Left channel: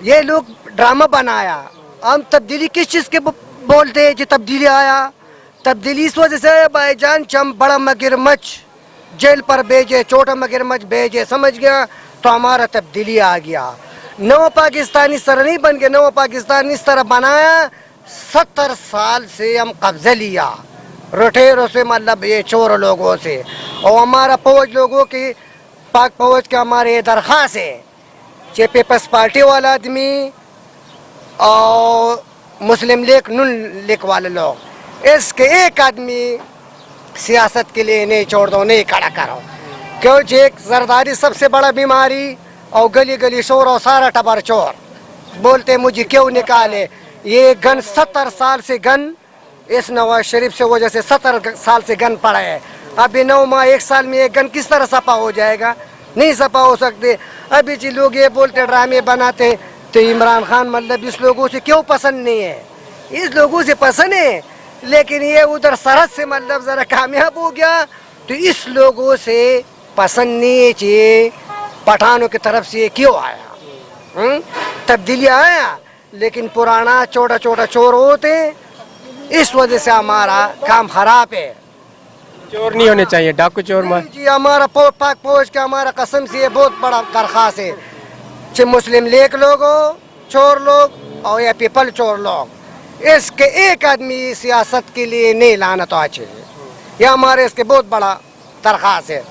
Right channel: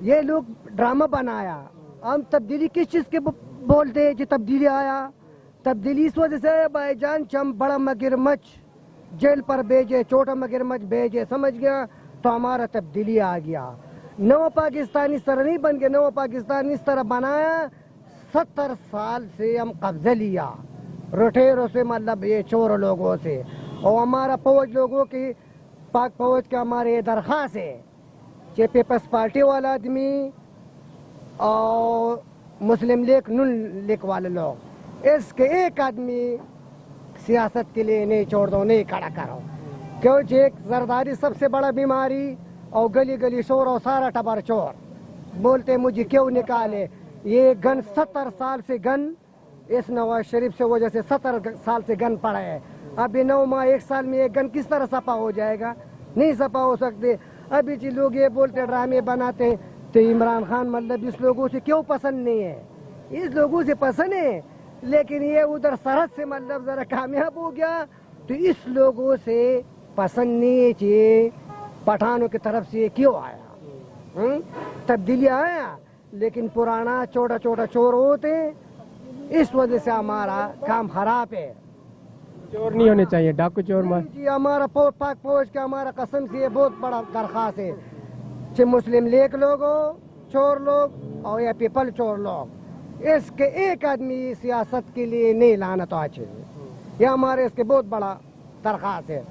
یہ لوگ ڈرامہ بنایا. ہم تبدیلی کس چیز کے بولتے ہیں کہ تبدیلی آیا؟ تبدیلی اس وجہ سے ہے بھائی جان، ہم بڑا مگرمچھ جیل پر بھیجے، چھوٹا مگرمچھ بھیجے، سمجھ گیا، تو ہمارا تبدیلی آ گیا. نو پاکستان اس طرح نہیں بن گیا، نو پاکستان اس طرح بنایا. 70 سال سے ہم قبضہ لیا روٹیروں سے، مطلب یہ چور لوگوں سے. اور ہمارا فوج لوگوں کی، پاک فوج کا ہمارے درخواست ہے کہ پیپلز پارٹی والا آدمی اور مسلم لیگ نون لیگ والے لوگ، اس کے ایک آدمی سیاست کے لیے نہیں چھوڑ دو، نہیں کھڑا کرو. کیونکہ ایک زرداری سب سے بڑا بیماری، اور گلی گلی شور اور سارا ٹبر چور. بولتے مجھے کیوں نکالے؟ یہ گن 70 سال سے گن، اس نواز شریف سے وجہ سے 70 سال سے گن پڑا ہے. ابھی 9 ماہ 1 سال میں یہ گن کس طرح سپا ہو جائے گا؟ نہیں سپا ہو سکتے. ابھی جی لوگ یہ بولتے ڈرامے بناتے، تو عمران خان مطلب اس لوگوں سے کیوں پسند نہیں ہے؟ اس لوگوں سے پسند ہے، لیکن یہ ادھر سرحد سے مطلب ذرا کامیاب ہو گیا، تو اس لوگوں سے پسند نہیں ہے. پٹھانوں کی طرف سے یہ کیوں آیا؟ تبدیلی آیا، لیکن پرانا چھوٹا چھوٹا چور ہوتے، اس وجہ سے ہمارا کام خراب ہے. چور نہیں ہونے چاہیے، ڈاکو چور نہیں جی، ہمارا پاک فوج کا ہمارا قسم سے یہ بہت بڑا درخواست ہے کہ مسلم لیگ لوگ ہو، چور لوگ، اور یا پیپل چور لوگ، اس کے ایک آدمی سیاست کے لیے نہیں لانا تو اچھے. یہ ہمارے اس کے بہت بڑا درخواست ہے.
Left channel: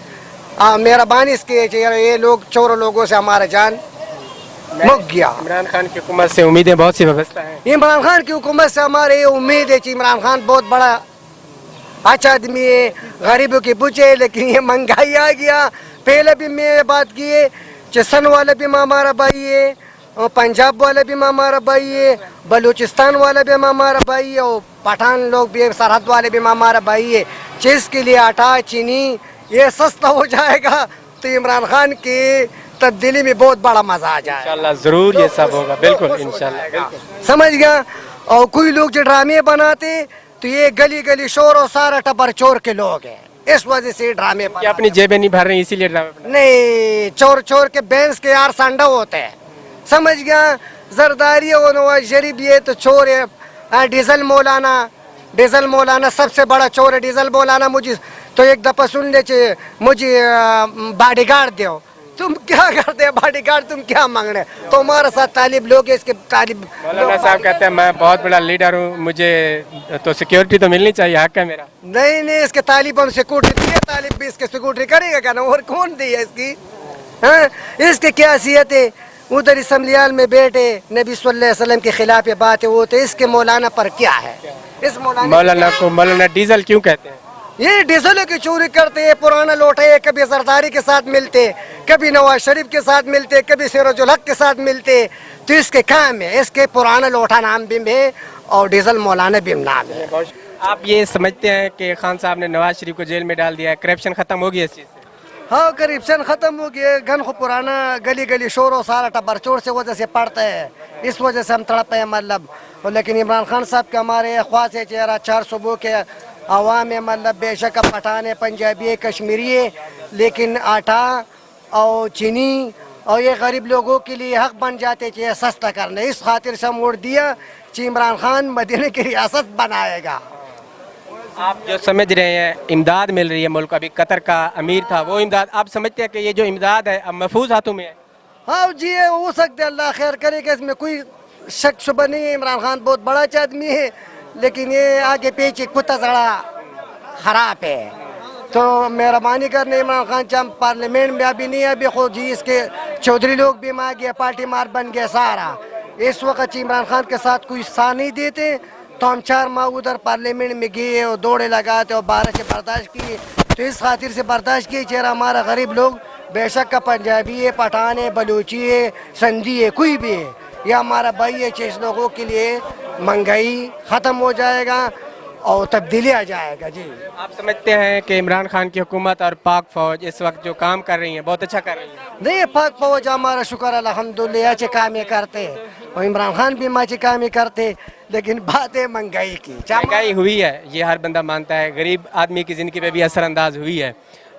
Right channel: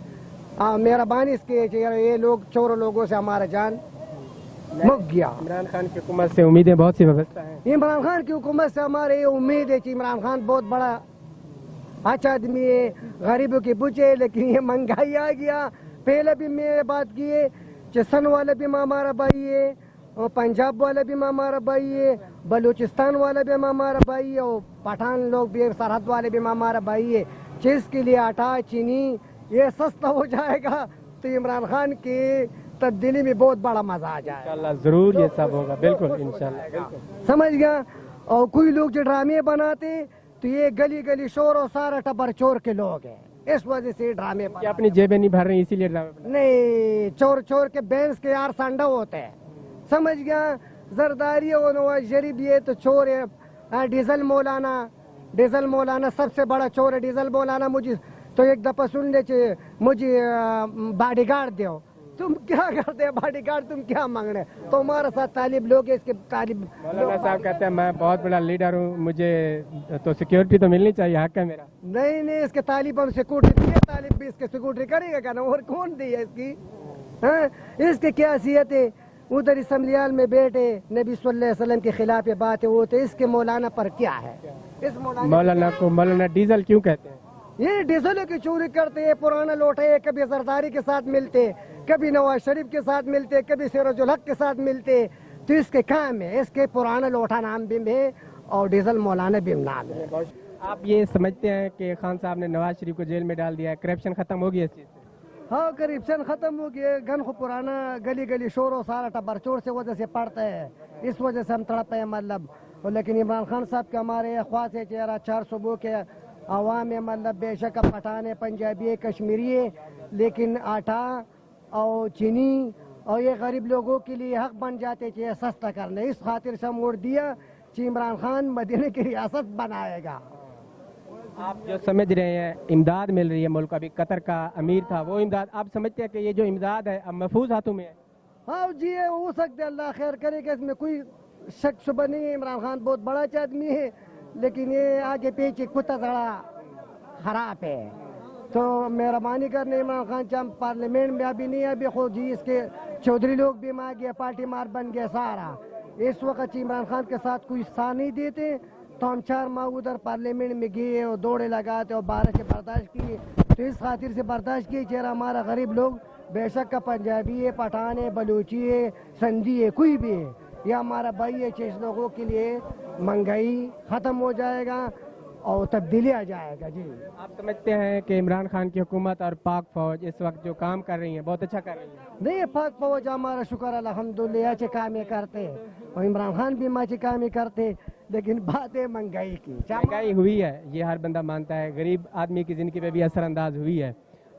مہربانی اس کی یہ لوگ چور لوگوں سے ہمارا جان مک گیا. عمران خان کی حکومت سے امیدیں بہت سی وابستہ ہیں. عمران خان کی حکومت سے ہمارے یہ امید ہے کہ عمران خان بہت بڑا اچھا آدمی ہے، غریبوں کی بچے، لیکن یہ مہنگائی آ گیا. پہلے بھی میں یہ بات کی ہے کہ سن والا بھی ہمارا بھائی ہے، اور پنجاب والا بھی ہمارا بھائی ہے، بلوچستان والا بھی ہمارا بھائی ہے، اور پٹھان لوگ بھی، سرحد والے بھی ہمارا بھائی ہے. چیز کے لیے آٹا چینی یہ سستا ہو جائے گا تو عمران خان کی تبدیلی میں بہت بڑا مزہ آ جائے گا. انشاءاللہ ضرور یہ سب ہوگا، بالکل انشاءاللہ. سمجھ گیا. اور کوئی لوگ جو ڈرامے بناتے، تو یہ گلی گلی شور اور سارا ٹبر چور کے لوگ ہیں، اس وجہ سے ڈرامے کہ اپنی جیبیں نہیں بھر رہی اسی لیے ڈرامے بنا. نہیں، چور چور کے بینس کے یار سانڈا ہوتے ہیں. سمجھ گیا. زرداری اور نواز شریف یہ تو چور ہے. ڈیزل مولانا سب سے بڑا چور ہے. ڈیزل مولانا مجھے تو ایک دفعہ سن لے چاہیے، مجھے باڈی گارڈ دیو. تم کیا کرتے ہیں باڈی گارڈ؟ تم کیا مانگ رہے ہیں؟ تو ہمارے ساتھ طالب لوگ اس کے طالب مولانا صاحب کہتے ہیں میں بہت بڑا لیڈر ہوں، مجھے تو سیکیورٹی تو ملنی چاہیے، حق ہے میرا. نہیں، اس کے طالب ہم سیکورٹی دیے، طالب بھی اس کے سیکورٹی کرے گا کیا نا؟ اور کون دی ہے اس کی؟ اس کی کیا حیثیت ہے؟ ادھر اسمبلی ہال میں بیٹھے، نبی صلی اللہ علیہ وسلم کے خلاف یہ باتیں ہوتے، اس کے مولانا پر کیا ہے؟ اس مولانا کو مولانا ڈیزل کیوں کہتے ہیں؟ یہ ڈیزلوں کی چوری کرتے ہیں، پرانا لوٹے، کبھی زرداری کے ساتھ ملتے، کبھی نواز شریف کے ساتھ ملتے، کبھی سراج الحق کے ساتھ ملتے. تو اس کے کام ہے، اس کے پرانا لوٹا نام بھی ہے اور ڈیزل مولانا بھی نام ہے. آپ یہ سمجھتے ہیں کہ خان صاحب نے نواز شریف کو جیل میں ڈال دیا ہے، کرپشن ختم ہو گیا اس چیز سے؟ ہاں، کرپشن ختم ہو گیا. گن کو پرانا گلی گلی شور و سارا ٹبر چور سے وجہ سے پڑتا ہے، اس وجہ سے ہم تڑپے ہیں مطلب. لیکن عمران خان صاحب کے ہمارے خواص ہے چہرہ 4 صوبوں کے عوام ہے، مطلب بے شک پٹھان ہے، پنجابی ہے، کشمیری ہے، لیکن آٹا اور چینی اور یہ غریب لوگوں کے لیے حق بن جاتے کہ یہ سستا کرنا. اس خاطر سے ہم ووٹ دیا کہ عمران خان مدینہ کی ریاست بنائے گا. آپ جو سمجھ رہے ہیں امداد مل رہی ہے ملک کو، ابھی قطر کا امیر تھا، وہ امداد آپ سمجھتے ہیں کہ یہ جو امداد ہے اب محفوظ ہاتھوں میں ہے؟ ہاں جی، ہو سکتے، اللہ خیر کرے گا، اس میں کوئی شک شبہ نہیں ہے. عمران خان بہت بڑا آدمی ہے، لیکن یہ آگے پیچھے کتا زڑا خراب ہے. تو مہربانی کرنے عمران خان چاہم پارلیمنٹ میں ابھی نہیں ہے، ابھی خود جی اس کے چودھری لوگ بھی مار گیا، پارٹی مار بن گیا سارا. اس وقت عمران خان کے ساتھ کوئی ساتھ نہیں دیتے، تو ہم 4 ماہ ادھر پارلیمنٹ میں گئے اور دوڑے لگاتے اور 12 سے برداشت کیے. تو اس خاطر سے برداشت کیے چہرہ ہمارا غریب لوگ بے شک کا پنجابی ہے، پٹھان ہے، بلوچی ہے، سندھی ہے، کوئی بھی ہے، یہ ہمارا بھائی ہے. اس لوگوں کے لیے مہنگائی ختم ہو جائے گا اور تبدیلی آ جائے گا. جی آپ سمجھتے ہیں کہ عمران خان کی حکومت اور پاک فوج اس وقت جو کام کر رہی ہیں بہت اچھا کر رہی ہیں؟ نہیں، پاک فوج ہمارا شکر الحمدللہ اچھے کام کرتے، اور عمران خان بھی اچھے کام کرتے، لیکن بات ہے مہنگائی کی. مہنگائی ہوئی ہے، یہ ہر بندہ مانتا ہے، غریب آدمی کی زندگی پہ بھی اثر انداز ہوئی ہے.